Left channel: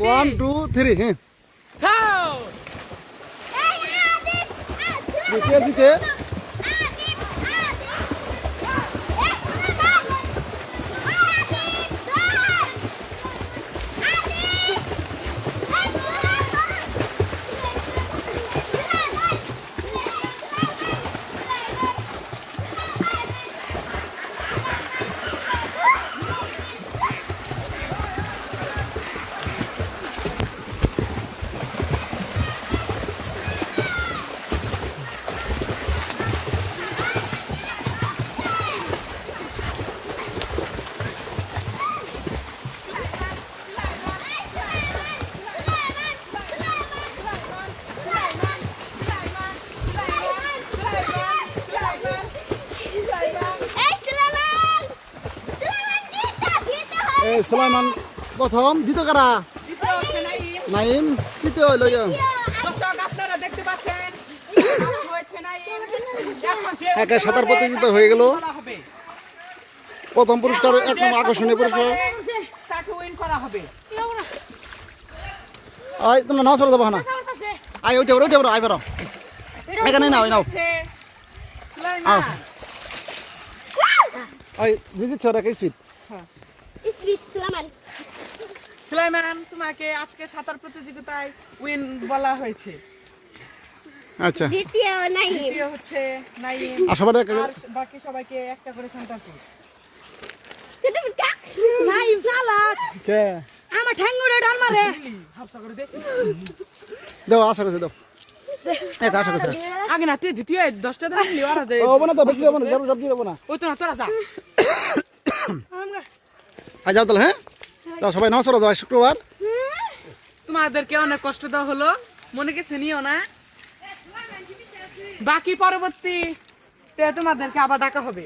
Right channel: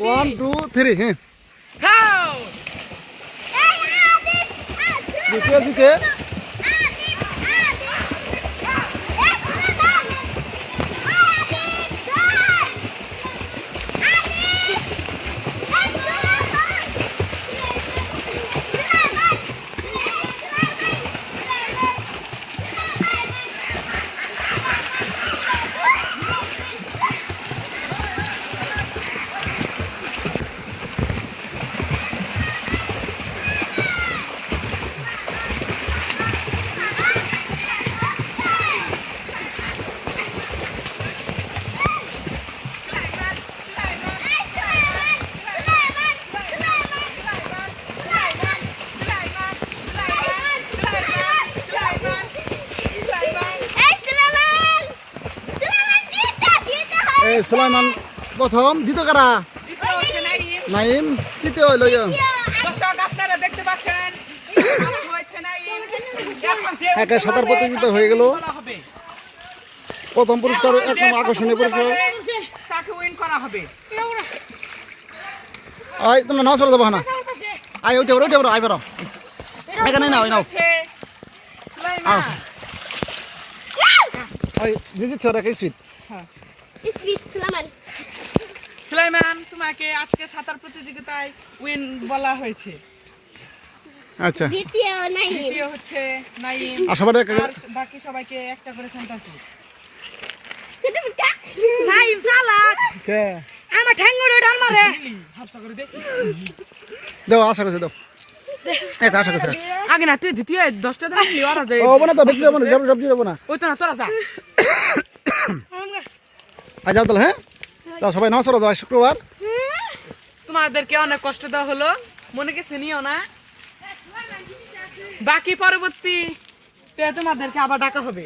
One two three हैं সুলাইমান প্রথম দ্বিতীয় কারা? নাইম তৃতীয় হইল একা সাঁতার প্রতিযোগিতা হয়ে গেল। প্রথম পুরস্কার এক নম্বর আকর্ষণীয় পুরস্কার। আই তোমরা নাও সরে যাব না। আই উঠে বড় উঠে বড় আই বড় এখানে নাও নাও। আও। আই জিজি ছড়া কে সুইট সুলাইমান। তোমাকে আজকে সাঁতার প্রতিযোগিতায় উইন বলা হয়েছে। আচ্ছা। দ্বিতীয় নাই দ্বিতীয় হচ্ছে নাইম। আর সবার বাকি সবাইকে একটা করে সেন্টার নাইম চালাক। কে? আমার ঠ্যাঙ্গুড়ে ডাল মারে। হাফসা করে দে। দাও আশা করছে দাও। এই আশা করছে। আগে না তুই দ্বিতীয় দশটা দিন লিও আর ও বনে তো বেশি যাব না যাব যাব যাব না। ওই তো না তোরা যা। আজ যাও তাহলে হ্যাঁ? তা সবাই নমস্কার দাও শুক্রবার। তোমাদেরকে অনেক কষ্ট দেওয়া হলো। মনে কিছু নিও না। বাকি পরবর্তী তোমাদেরকে আবার ডাকা হবে।